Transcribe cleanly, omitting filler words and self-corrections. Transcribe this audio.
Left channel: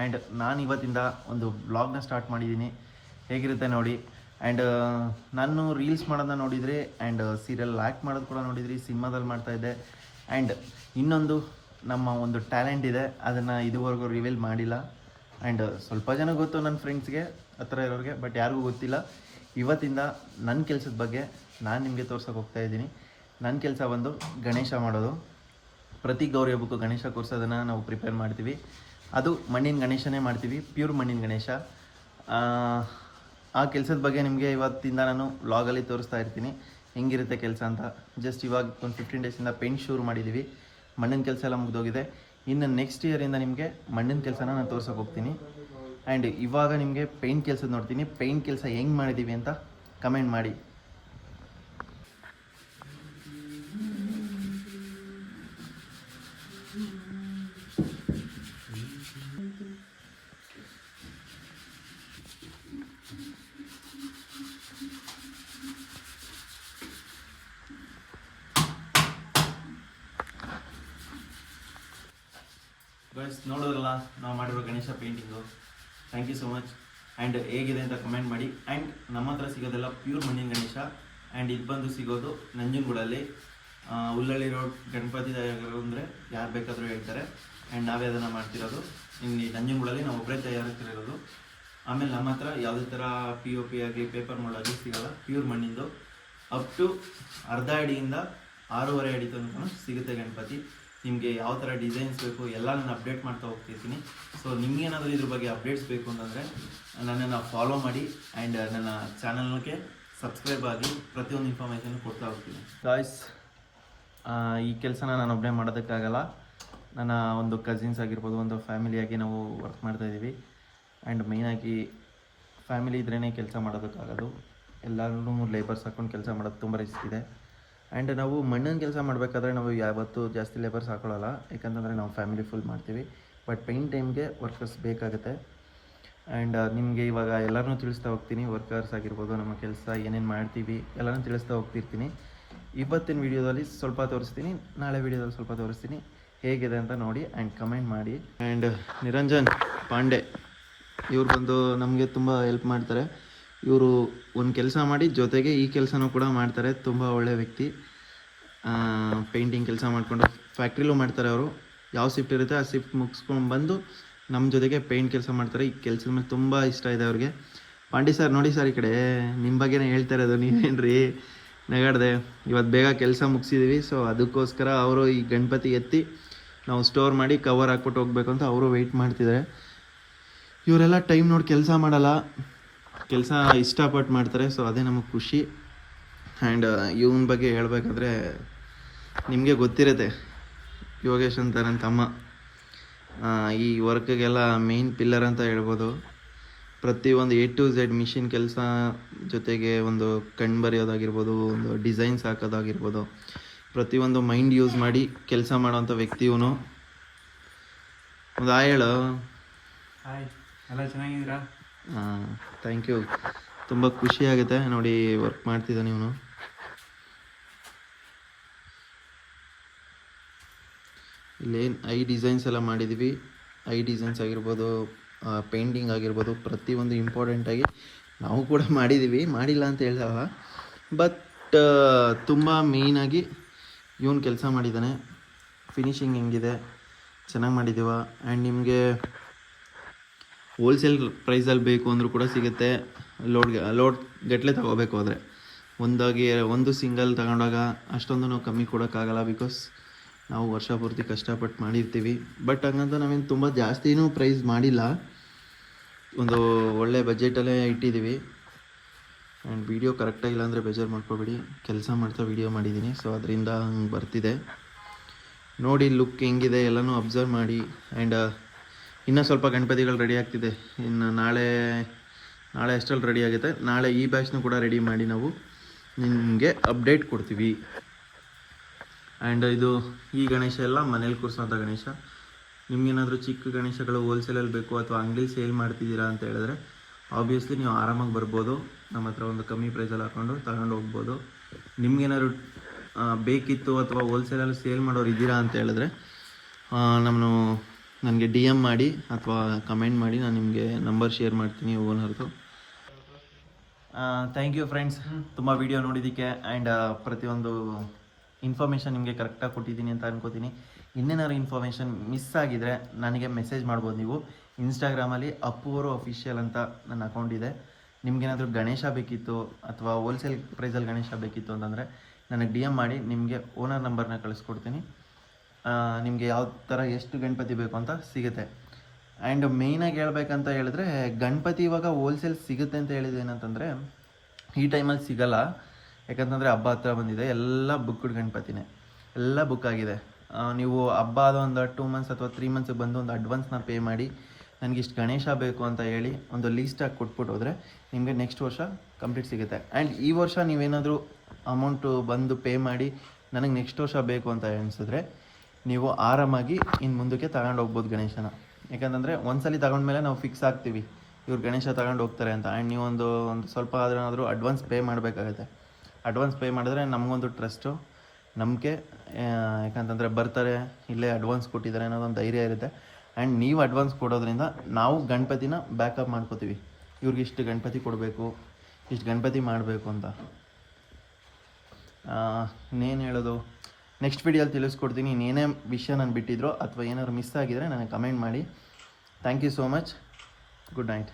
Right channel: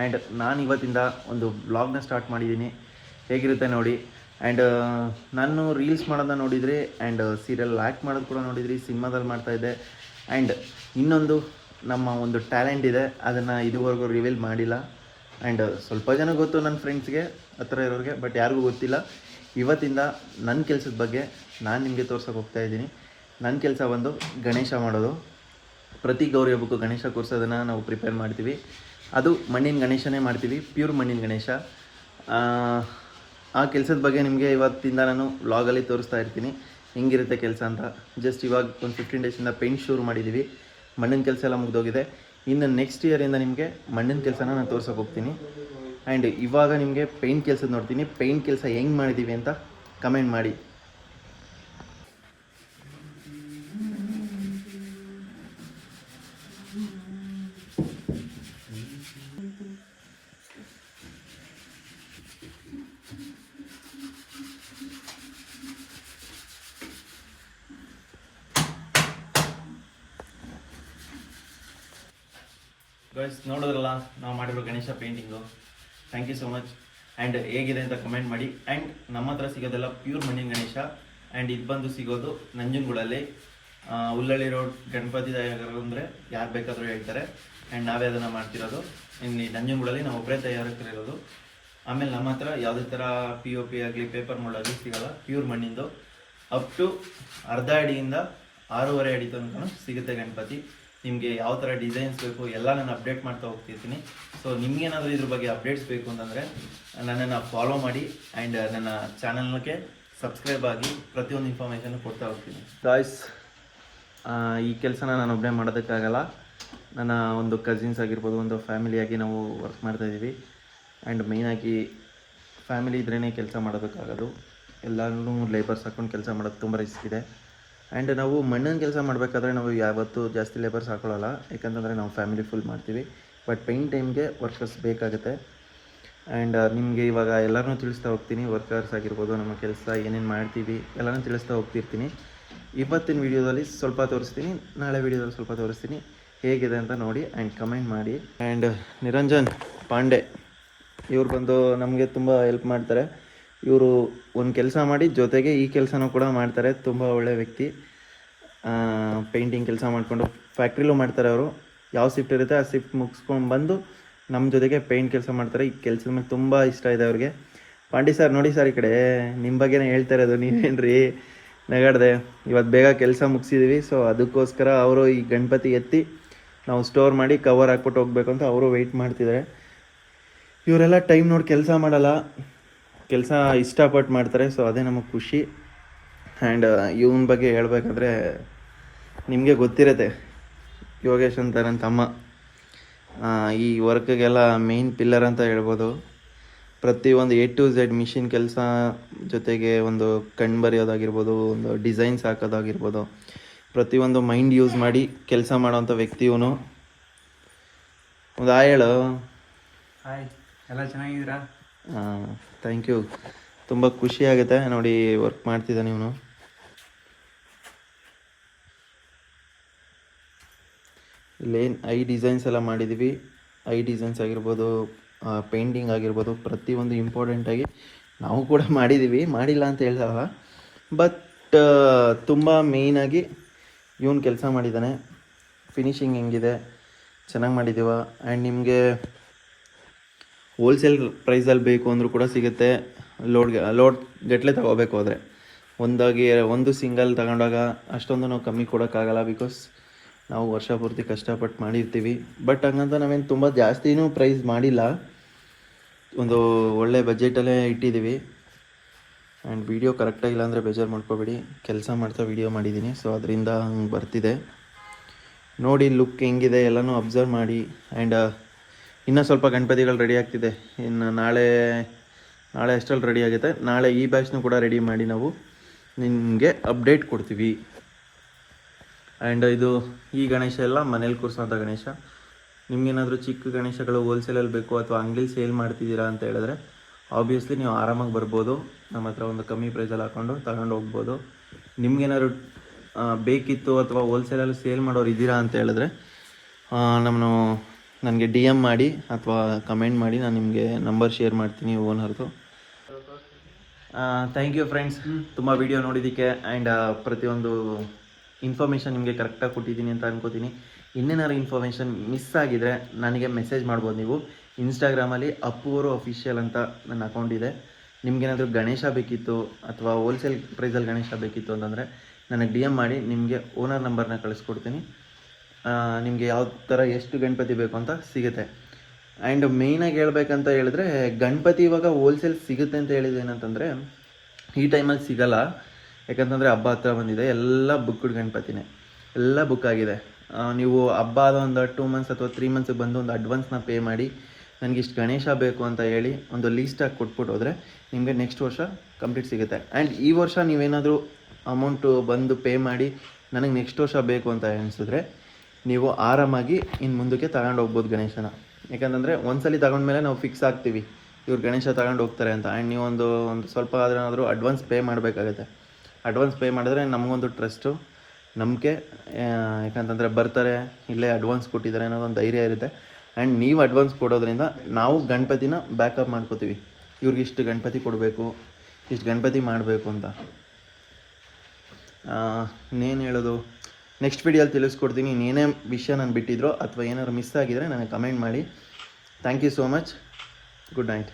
And ನಾನು ಇವತ್ತಿಂದ ಒಂದು ಬ್ಲಾಗ್ನ ಸ್ಟಾರ್ಟ್ ಮಾಡಿದ್ದೀನಿ, ಹೇಗಿರುತ್ತೆ ನೋಡಿ. ಆ್ಯಂಡ್ ನಾನು ರೀಲ್ಸ್ ಮಾಡೋದನ್ನ ನೋಡಿದ್ರಿ, ಆ್ಯಂಡ್ ಸೀರಿಯಲ್ ಆ್ಯಕ್ಟ್ ಮಾಡೋದು ಕೂಡ ನೋಡಿದ್ರಿ, ಸಿನಿಮಾದಲ್ಲಿ ಮಾಡ್ತಾಯಿದ್ದೆ. ಆ್ಯಂಡ್ ಇನ್ನೊಂದು ನಮ್ಮ ಒಂದು ಟ್ಯಾಲೆಂಟ್ ಇದೆ, ಅದನ್ನು ಇದುವರೆಗೂ ರಿವೀಲ್ ಮಾಡಿಲ್ಲ. ಆ್ಯಂಡ್ ಸ್ವಲ್ಪ ಜನ ಗೊತ್ತು ನನ್ನ ಫ್ರೆಂಡ್ಸ್ಗೆ, ಹತ್ರ ಇರೋರಿಗೆ, ಬಟ್ ಯಾರಿಗೂ ಗೊತ್ತಿಲ್ಲ. ಇವತ್ತಿಂದ ನನ್ನ ಕೆಲಸದ ಬಗ್ಗೆ ನಾನು ನಿಮಗೆ ತೋರ್ಸೋಕೆ ಹೋಗ್ತಾಯಿದ್ದೀನಿ. ನನ್ನ ಕೆಲಸ ಒಂದು ಗಣೇಶ ಮಾಡೋದು. ಪ್ರತಿ ಗೌರಿ ಹಬ್ಬಕ್ಕೂ ಗಣೇಶ ಕೂರಿಸೋದನ್ನು ನಾವು ಪ್ರಿಪೇರ್ ಮಾಡ್ತೀವಿ. ಅದು ಮಣ್ಣಿನ ಗಣೇಶನೇ ಮಾಡ್ತೀವಿ, ಪ್ಯೂರ್ ಮಣ್ಣಿನ ಗಣೇಶ. ಆ ಕೆಲಸದ ಬಗ್ಗೆ ನಿಮಗೆ ಇವತ್ತಿಂದ ನಾನು ವ್ಲಾಗಲ್ಲಿ ತೋರಿಸ್ತಾ ಇರ್ತೀನಿ, ಹೆಂಗಿರುತ್ತೆ ಕೆಲಸ ಅಂತ. ಜಸ್ಟ್ ಇವಾಗ ಒಂದು 15 ಡೇಸಿಂದ ಪೇಂಟ್ ಶುರು ಮಾಡಿದ್ದೀವಿ, ಮಣ್ಣಿನ ಕೆಲಸ ಎಲ್ಲ ಮುಗಿದೋಗಿದೆ. ಇನ್ನು ನೆಕ್ಸ್ಟ್ ಇಯರಿಂದ ನಿಮಗೆ ಮಣ್ಣಿನ ಕೆಲಸನ ನಾನು ತೋರ್ಸೋಕೆ ಹೋಗ್ತೀನಿ. ಆ್ಯಂಡ್ ಇವಾಗ ನಿಮಗೆ ಪೇಂಟ್ ಕೆಲಸದ ನೋಡ್ತೀನಿ. ಪೇಂಟ್ ಕೆಲಸ ಹೆಂಗೆ ಮಾಡಿದ್ದೀವಿ ಅಂತ ಕಮೆಂಟ್ ಮಾಡಿ. ಗೈಸ್, ನೋಡೋದ್ರಲ್ಲ ನಾವು ಮಾಡಿರೋ Ganesha painting. Thank you so much. And ಹೇಗಿದೆ ಅಂತ ಕಮೆಂಟ್ ಮಾಡಿ. ಆ್ಯಂಡ್ ನಮ್ಮ ಹತ್ರ ಸಿಗೋದೆಲ್ಲ ಪ್ಯೂರ್ ಮಣ್ಣಿನ ಗಣೇಶ. ಆ್ಯಂಡ್ ಇದು ಬಂದು ಸಿಗೋದು ನಂಜನಗೂಡಲ್ಲಿ, ಉಲ್ಲಳ್ಳಿ ರೋಡ್, ಗಣಪತಿ ತಯಾರಕರು ಅಂದರೆ ಯಾರು ಬೇಕಾದರೂ ಹೇಳ್ತಾರೆ. ಆ್ಯಂಡ್ ನಾವೇ ಅದನ್ನು ಮಾಡ್ತಿರೋದು. ಇಲ್ಲಿ ನಂಜನಗೂಡಲ್ಲಿ ನಾವು ಒಬ್ಬರೇ ತಯಾರಕರಿರೋದು. ಆಮೇಲೆ ನಮ್ಮ ಹತ್ರ ಯಾವುದೇ ಥರ POP ಆಗಲಿ, ಪೇಪರ್ ಮಾಡಲಿ ಸಿಗೋಲ್ಲ. ಪ್ಯೂರ್ ಮಣ್ಣಿಂದು ಅಪ್ ಟು ಅರ್ಧ ಅಡಿಯಿಂದ 6.5 ಅಡಿ ತನಕ ಸಿಗುತ್ತೆ ಗಣಪತಿ. ನಿಮಗೆ ಯಾವ ಥರ ಡಿಸೈನ್ಸ್ ಬೇಕು ಎಲ್ಲ ನಾನು ಅಪ್ಡೇಟ್ ಮಾಡ್ತಾ ಹೋಗ್ತಿರ್ತೀನಿ. ಸೊ ನಿಮಗೇನಾದರೂ ಇದ್ರ ಬಗ್ಗೆ ಅಪ್ಡೇಟ್ಸ್ ಬೇಕು ಅಂತಂದರೆ ನನ್ನನ್ನು ಫಾಲೋ ಮಾಡಿ. ಆ್ಯಂಡ್ ನನ್ನ ಚಾನಲ್ಗೆ ಸಬ್ಸ್ಕ್ರೈಬ್ ಆಗಿ ಪ್ರತಿಯೊಂದು ಇನ್ಫಾರ್ಮೇಷನ್ ಕೊಡ್ತಾ ಹೋಗ್ತೀನಿ. ಗಾಯ್ಸ್, ಈ ಕೆಲಸನ ನಾನು ಒಬ್ಬನೇ ಮಾಡೋದಕ್ಕಾಗಲ್ಲ. ನನ್ನ ಒಂದು ಕಸಿನ್ಸ್ ಆಗಿರ್ಬೋದು, ಒಂದು ಫ್ಯಾಮಿಲಿಯಾಗಿ ನಾವು ವರ್ಕ್ ಮಾಡ್ತಾಯಿದ್ದೀವಿ. ಆ್ಯಂಡ್ ಮೇಯ್ನಾಗಿ ಫ್ಯಾಮಿಲಿ ಇದ್ರೇ ಕೆಲಸ ಮಾಡೋದಕ್ಕಾಗೋದು. ಎಲ್ಲರೂ ಲೇಬರ್ಸ್ ಹಾಕ್ಕೊಂಡು ಕೆಲಸ ಮಾಡೋದು ತುಂಬ ರಿಸ್ಕ್ ಇದೆ. ಆ್ಯಂಡ್ ನಾವು ಮಣ್ಣಿನ ಕೆಲಸ ಮಾಡಬೇಕಾದ್ರೆ ನಾವು ಯಾವತ್ತೂ ಜಾಸ್ತಿ ಲೇಬರ್ಸ್ ಹಾಕೊಳ್ಳಲ್ಲ, ಯಾಕಂತಂದರೆ ನಾವು ಫ್ಯಾಮಿಲಿ ಫುಲ್ ಮಾಡ್ತೀವಿ. ಬಟ್ ಪೇಂಟ್ ಟೈಮ್ಗೆ ವರ್ಕರ್ಸ್ ಬೇಕಾಗುತ್ತೆ. ಆ್ಯಂಡ್ ನಿಮಗೆ ಇವಾಗ ಎಲ್ಲರೂ ತಿಳಿಸ್ತಾ ಹೋಗ್ತೀನಿ, ವರ್ಕರ್ಸ್ ಆಗಿರ್ಬೋದು, ನಮ್ಮ ಕೆಲಸ ಏನೇನು ಮಾಡ್ತೀವಿ ಎಲ್ಲನೂ ತಿಳಿಸ್ತಾ ಹೋಗ್ತಿರ್ತೀನಿ. ಇವತ್ತಿನ ವೀಡಿಯೋದಲ್ಲಿ ಸ್ವಲ್ಪ ತೋರಿಸ್ತೀನಿ, ನಾಳೆ ವೀಡಿಯೋದಲ್ಲಿ ಸ್ವಲ್ಪ ತೋರಿಸ್ತೀನಿ. ಹೇಗಿದೆ ಅಂತ ನೋಡಿ ಆ್ಯಂಡ್ ಕಮೆಂಟ್ ಮಾಡಿ. ಆ್ಯಂಡ್ ನಿರಂಜನ್ ಪಾಂಡೆ ಇವ್ರು ಬಂದು ನಮಗೆ ತುಂಬ ಹೆಲ್ಪ್ ಮಾಡ್ತಾರೆ. ಇವರು ಒಂದು ಕೆಲಸ ಮಾಡಿ ಜೊತೆಗೆ ಈ ಕೆಲಸನೂ ಕೂಡ ಮಾಡ್ತಾರೆ. ತುಂಬ ಒಳ್ಳೆಯ ವ್ಯಕ್ತಿ. ಪೇಂಟಿಂಗ್ ಕೆಲಸ ಮಾಡಿಕೊಂಡು ಫ್ಯಾಕ್ಟ್ರಿಲೂ ಮಾಡ್ತಾರೆ. ಅವರು ಯಾವ ಶಿಫ್ಟ್ ಇರುತ್ತೆ ಆ ಶಿಫ್ಟ್ ಮುಗಿಸ್ಕೊಂಡು ಬಂದು ನಮ್ಮ ಜೊತೆಗೆ ಪೇಂಟ್ ಕೆಲಸ ಮಾಡ್ತಾರೆ. ಈ ಕೆಲಸದ ಮೇಲೆ ತುಂಬ ಇಷ್ಟ ಇದೆ ಅವ್ರಿಗೆ. ಪಾಂಡಿ ಸರ್ ನೋಡಿ ಸರ್, ಈ ಕಡೆ ನಿಮ್ಮ ಬಗ್ಗೆನೇ ಹೇಳ್ತಾ ಇರೋದು, ನೀವೇನ್ರಿ ನಗಾಡ್ದೆ. ಇವತ್ತು ಬೇಗ ಕೆಲಸ ಮುಗಿಸಿದ್ದೀವಿ. ಸೊ ಅದಕ್ಕೋಸ್ಕರ ಅವರು ಈ ಗಣಪತಿ ಎತ್ತಿ ನಾವು ಸ್ಟೋರ್ ಮಾಡಿ ಕವರ್ ಹಾಕ್ಬಿಟ್ಟು ಹೋಗ್ಬೇಕು ಅಂತ ಅವರು ವೆಯ್ಟ್ ಮಾಡ್ತಿದ್ದಾರೆ. ಇವರೆಲ್ಲ ಟೈಮ್ ನೋಡಿ ಕೆಲಸ ಮಾಡಲ್ಲ, ಕೆಲಸ ಇಷ್ಟಪಟ್ಟು ಮಾಡ್ತಾರೆ. ಸೊ ಅದೇ ನಮಗೆ ಖುಷಿ. ಆ್ಯಂಡ್ ಇವನ ಬಗ್ಗೆ ಹೇಳಬೇಕಾದ್ರೆ ನಿಮಗೆ ಗೊತ್ತಿರುತ್ತೆ, ಯೋಗೇಶ್ ಅಂತ ನನ್ನ ತಮ್ಮ. ಈ ವರ್ಕ್ಗೆಲ್ಲ ಮೇಯ್ನ್ ಪಿಲ್ಲರ್ ಅಂತ ಹೇಳ್ಬೋದು. ಪ್ರತಿಯೊಂದು A to Z ಮಿಷಿನ್ ಕೆಲಸ, ಜೊತೆಗೆ ಒಂದು ಕಣ್ಣು ಬರೆಯೋದಾಗಿರ್ಬೋದು, ಒಂದು ಡಿಸೈನ್ಸ್ ಹಾಕೋದಾಗಿರ್ಬೋದು, ಪ್ರತಿಯೊಂದು ಮೈಂಡ್ ಯೂಸ್ ಮಾಡಿ ಕೆಲಸ ಮಾಡೋವಂಥ ವ್ಯಕ್ತಿ ಇವನು. ಒಂದು ಹೇಳು. ಹಾಯ್, ಎಲ್ಲ ಚೆನ್ನಾಗಿದ್ದೀರಾ? Thank you. ತುಂಬ ಖುಷಿ ಆಗುತ್ತೆ ನೋಡಿ ವರ್ಕ್ ಮಾಡ್ತಿದ್ದಾನೆ ಇವನು. ಇಲ್ಲೇನು ಡಿಸೈನ್ಸ್ ಎಲ್ಲ ಮಾಡಿದ್ದೀವಿ. ಡಿಸೈನ್ಸ್ ಆಗಿರ್ಬೋದು, ಪೇಂಟಿಂಗ್ ಆಗಿರ್ಬೋದು, ಪ್ರತಿಯೊಂದು ಇಂಪಾರ್ಟೆಂಟಾಗಿ ನಾವು ಕೂಡ ಮಾಡಿದ್ದೀವಿ, ಮಾಡಿಲ್ಲ ಅಂತ ಹೇಳ್ದವ. ಬಟ್ ತುಂಬ ಮೇಯ್ನಾಗಿ ಇವನು ಕೆಲಸ ಮಾಡಿದ್ದಾನೆ. ಫಿನಿಶಿಂಗ್ ಹೆಂಗಿದೆ, ಚೆನ್ನಾಗಿ ಮಾಡಿದ್ದೀವ. ಆ್ಯಂಡ್ ನಿಮಗೆ ಹೋಲ್ಸೇಲ್ ಪ್ರೈಸಲ್ಲಿ ಬೇಕು ಅಂದರೂ ಕೂಡ ಸಿಗುತ್ತೆ. ಲೋಡ್ ಗಟ್ಟಲೆ ತಗೋಬೇಕು ಆದರೆ ಒಂದು ಸಿಂಗಲ್ ತಗೊಂಡಾಗ ಅಷ್ಟೊಂದು ನಾವು ಕಮ್ಮಿ ಕೊಡೋಕ್ಕಾಗಲ್ಲ. ಬಿಕಾಸ್ ನಾವು ವರ್ಷ ಪೂರ್ತಿ ಕಷ್ಟಪಟ್ಟು ಮಾಡಿರ್ತೀವಿ. ಬಟ್ ಹಂಗಂತ ನಾವೇನು ತುಂಬ ಜಾಸ್ತಿನೂ ಪ್ರೈಸ್ ಮಾಡಿಲ್ಲ, ಒಂದು ಒಳ್ಳೆ ಬಜೆಟಲ್ಲೇ ಇಟ್ಟಿದ್ದೀವಿ. ಆ್ಯಂಡ್ ವೀಡಿಯೋ ಕರೆಕ್ಟಾಗಿಲ್ಲ ಅಂದರೆ ಬೇಜಾರು ಮಾಡ್ಕೋಬೇಡಿ, ಕೆಲಸ ಮಾಡ್ತಾ ವೀಡಿಯೋ ಮಾಡಿದ್ದೀನಿ. ಸೊ ಅದರಿಂದ ಹಂಗೆ ಬರ್ತಿದೆ ನೋಡಿ. ಲುಕ್ ಹೆಂಗಿದೆ ಎಲ್ಲನೂ ಅಬ್ಸರ್ವ್ ಮಾಡಿ. ಆ್ಯಂಡ್ ಇನ್ನೂ ಸ್ವಲ್ಪ ಗಣಪತಿಗಳು ರೆಡಿ ಆಗ್ತಿದೆ. ಇನ್ನು ನಾಳೆ ಅಷ್ಟರಲ್ಲಿ ರೆಡಿ ಆಗುತ್ತೆ. ನಾಳೆ ಈ ಬ್ಯಾಚ್ನೂ ಕೂಡ ರೆಡಿ ಮಾಡಿ ನಾವು ನಿಮಗೆ ಅಪ್ಡೇಟ್ ಕೊಡ್ತೀವಿ. ಆ್ಯಂಡ್ ಇದು ಈ ಗಣೇಶ ಎಲ್ಲ ಮನೇಲಿ ಕೂರಿಸೋಂಥ ಗಣೇಶ. ನಿಮಗೇನಾದರೂ ಚಿಕ್ಕ ಗಣೇಶಗಳು ಹೋಲ್ಸೇಲಲ್ಲಿ ಬೇಕು ಅಥವಾ ಅಂಗಡಿಲಿ ಸೇಲ್ ಮಾಡ್ತಿದ್ದೀರಾ ಅಂತ ಹೇಳಿದ್ರೆ ಆಬ್ವಿಯಸ್ಲಿ ನೀವು ಆರಾಮಾಗಿ ಬರ್ಬೋದು. ನಮ್ಮ ಹತ್ರ ಒಂದು ಕಮ್ಮಿ ಪ್ರೈಸಲ್ಲಿ ಹಾಕ್ಕೊಂಡು ತಗೊಂಡು ಹೋಗ್ಬೋದು. ನಿಮ್ಗೇನಾದ್ರು ಬೇಕಿತ್ತು ಅಥವಾ ಹೋಲ್ಸೇಲಲ್ಲಿ ಸೇಲ್ ಮಾಡೋರು ಇದ್ದೀರಾ ಅಂತ ಹೇಳಿದ್ರೆ ನನಗೆ ಡಿ ಎಮ್ ಮಾಡಿ ಅಥವಾ ಕಮೆಂಟ್ ಮಾಡಿ, ನಾನು ನಿಮಗೆ ನಂಬರ್ ಶೇರ್ ಮಾಡ್ತೀನಿ ಓನರ್ದು. ಥ್ಯಾಂಕ್ ಯು ಫ್ರೆಂಡ್ಸ್, ತುಂಬ ವಿಡಿಯೋ ನೋಡಿದ್ದಕ್ಕೆ ಆ್ಯಂಡ್ ಪ್ರತಿಯೊಂದು ಇನ್ಫಾರ್ಮೇಷನ್ ನಿಮಗೆ ಕರೆಕ್ಟಾಗಿ ಕೊಟ್ಟಿದ್ದೀನಿ ಅಂತ ಅನ್ಕೋತೀನಿ. ಇನ್ನೇನಾದ್ರು ಇನ್ಫಾರ್ಮೇಷನ್ ಮಿಸ್ ಆಗಿದರೆ ನನಗೆ ಮೆಸೇಜ್ ಮಾಡ್ಬೋದು. ನೀವು ಇನ್ಸ್ಟಾಗ್ರಾಮಲ್ಲಿ ಅಪ್ಪೂರು ಅಫಿಷಿಯಲ್ ಅಂತ ನನ್ನ ಅಕೌಂಟ್ ಇದೆ. ನಿಮ್ಗೇನಾದರೂ ಗಣೇಶ ಬೇಕಿತ್ತು ಅಥವಾ ಹೋಲ್ಸೇಲ್ ಪ್ರೈಸಲ್ಲಿ ಗಣೇಶ ಬೇಕಿತ್ತು ಅಂತಂದರೆ ನನಗೆ ಡಿ ಎಮ್ ಮಾಡಿ, ನಿಮಗೆ ಓನರ್ ನಂಬರ್ನ ಕಳಿಸ್ಕೊಡ್ತೀನಿ. ನಿಮಗೆ ಯಾವ ಥರ ಎಷ್ಟು ಗಣಪತಿ ಬೇಕು ಅಂತ ಸಿಗುತ್ತೆ. ಆ್ಯಂಡ್ ಮೇಯ್ನಾಗಿ ಹೇಳ್ಬೇಕಂತ ಹೇಳಿದ್ರೆ, ಗಣಪತಿ ಇವಾಗ ಹೋಲ್ಸೇಲ್ ಸಿಗುತ್ತೆ ಅಂತ ಹೇಳಿದ್ದು ಏನಂತಂದರೆ, ಈ ಟೈಮಲ್ಲಿ ಸಿಗಲ್ಲ. ಯಾಕಂತಂದರೆ ಹಬ್ಬ ಹತ್ರ ಬಂದಿದೆ, ಎಲ್ಲ ಬುಕ್ಡ್ ಗಣಪತಿನೇ, ಎಲ್ಲ ಬುಕ್ ಆಗಿದೆ. ನೀವು ಹಬ್ಬ ಆದ ಒಂದು 2 ಮಂತ್ಸ್ ಅಥವಾ 3 ಮಂತ್ಸಿಗೆ ಬಂದು ಒಂದು ಅಡ್ವಾನ್ಸ್ನ ಪೇ ಮಾಡಿ ನನಗೆ ಇಷ್ಟು ಗಣೇಶ ಬೇಕು ಅಂತ ಹೇಳಿ ಒಂದು ಲೀಸ್ಟಾಗಿ ಕೊಟ್ಬಿಟ್ಟು ಹೋದರೆ ನಿಮಗೆ ನೆಕ್ಸ್ಟ್ ವರ್ಷ ಕಂಪ್ಲೀಟ್ ಸಿಗುತ್ತೆ. ಆ್ಯಂಡ್ ಈ ವರ್ಷ ನೀವೇನಾದರೂ ಅಮೌಂಟು ಬಂದು ಪೇ ಮಾಡಿ ನನಗೆ ನೆಕ್ಸ್ಟ್ ವರ್ಷ ಬೇಕು ಅಂತ ಅನಿಸಿದ್ರೆ ನೀವು ಆರಾಮಾಗಿ ಇನ್ನು ಮುಂದಕ್ಕೆ ತಗೊಂಡು ಹೋಗ್ಬೋದು ಗಣೇಶನ. ಯಾಕಂತಂದರೆ ಒಂದ್ಸಲಿ ತಗೊಂಡ್ಮೇಲೆ ನಾವು ಫಿಕ್ಸ್ ಆಗ್ತೀವಿ ಇವ್ರು ಗಣೇಶ ತಗೊಂಡು ಹೋಗ್ತಾರೆ ಅಂತ. ಆ್ಯಂಡ್ ನೀವು ಒಂದು ಸ್ವಲ್ಪ ಆದ್ರೂ ಅಡ್ವಾನ್ಸ್ ಪೇ ಮಾಡಬೇಕಾಗುತ್ತೆ. ಅಡ್ವಾನ್ಸ್ ಪೇ ಮಾಡಿದ್ರೆ ನಮಗೊಂದು ಟ್ರಸ್ಟು, ನಂಬಿಕೆ. ಯಾಕಂತಂದರೆ ಬರ್ತಾರೆ, ಇಲ್ಲೇ ಅಡ್ವಾನ್ಸ್ ಕೊಟ್ಟಿದ್ದಾರೆ ಅನ್ನೋದೊಂದು ಧೈರ್ಯ ಇರುತ್ತೆ. ಆ್ಯಂಡ್ ನೀವು ಅಡ್ವಾನ್ಸ್ ಕೊಡೋದ್ರಿಂದ ನಾವು ಗಣಪತಿನ ಬ್ಯಾಕಪ್ ಮಾಡ್ಕೋತೀವಿ, ಇವ್ರಿಗೆ ಇಷ್ಟು ಗಣಪತಿ ಕೊಡಬೇಕು, ಇಷ್ಟು ಗಣಪತಿ ಮಾಡಬೇಕು ಅಂತ. ಇನ್ನೇನು ಹೇಳೋದು, ನೆಕ್ಸ್ಟ್ ವಿಡಿಯೋಲ್ಲಿ ತಿಳಿಸ್ಕೊಡ್ತೀನಿ. ಇನ್ನೇನೇ ವಿಷಯ ನಾನು ಬಿಟ್ಟಿದ್ರೋ ಅಥವಾ ಏನಾದ್ರು ಮಿಸ್ ಆಗಿದ್ರೆ ನನಗೆ ಕಮೆಂಟ್ ಮಾಡಿ. Thank you so much. Good night.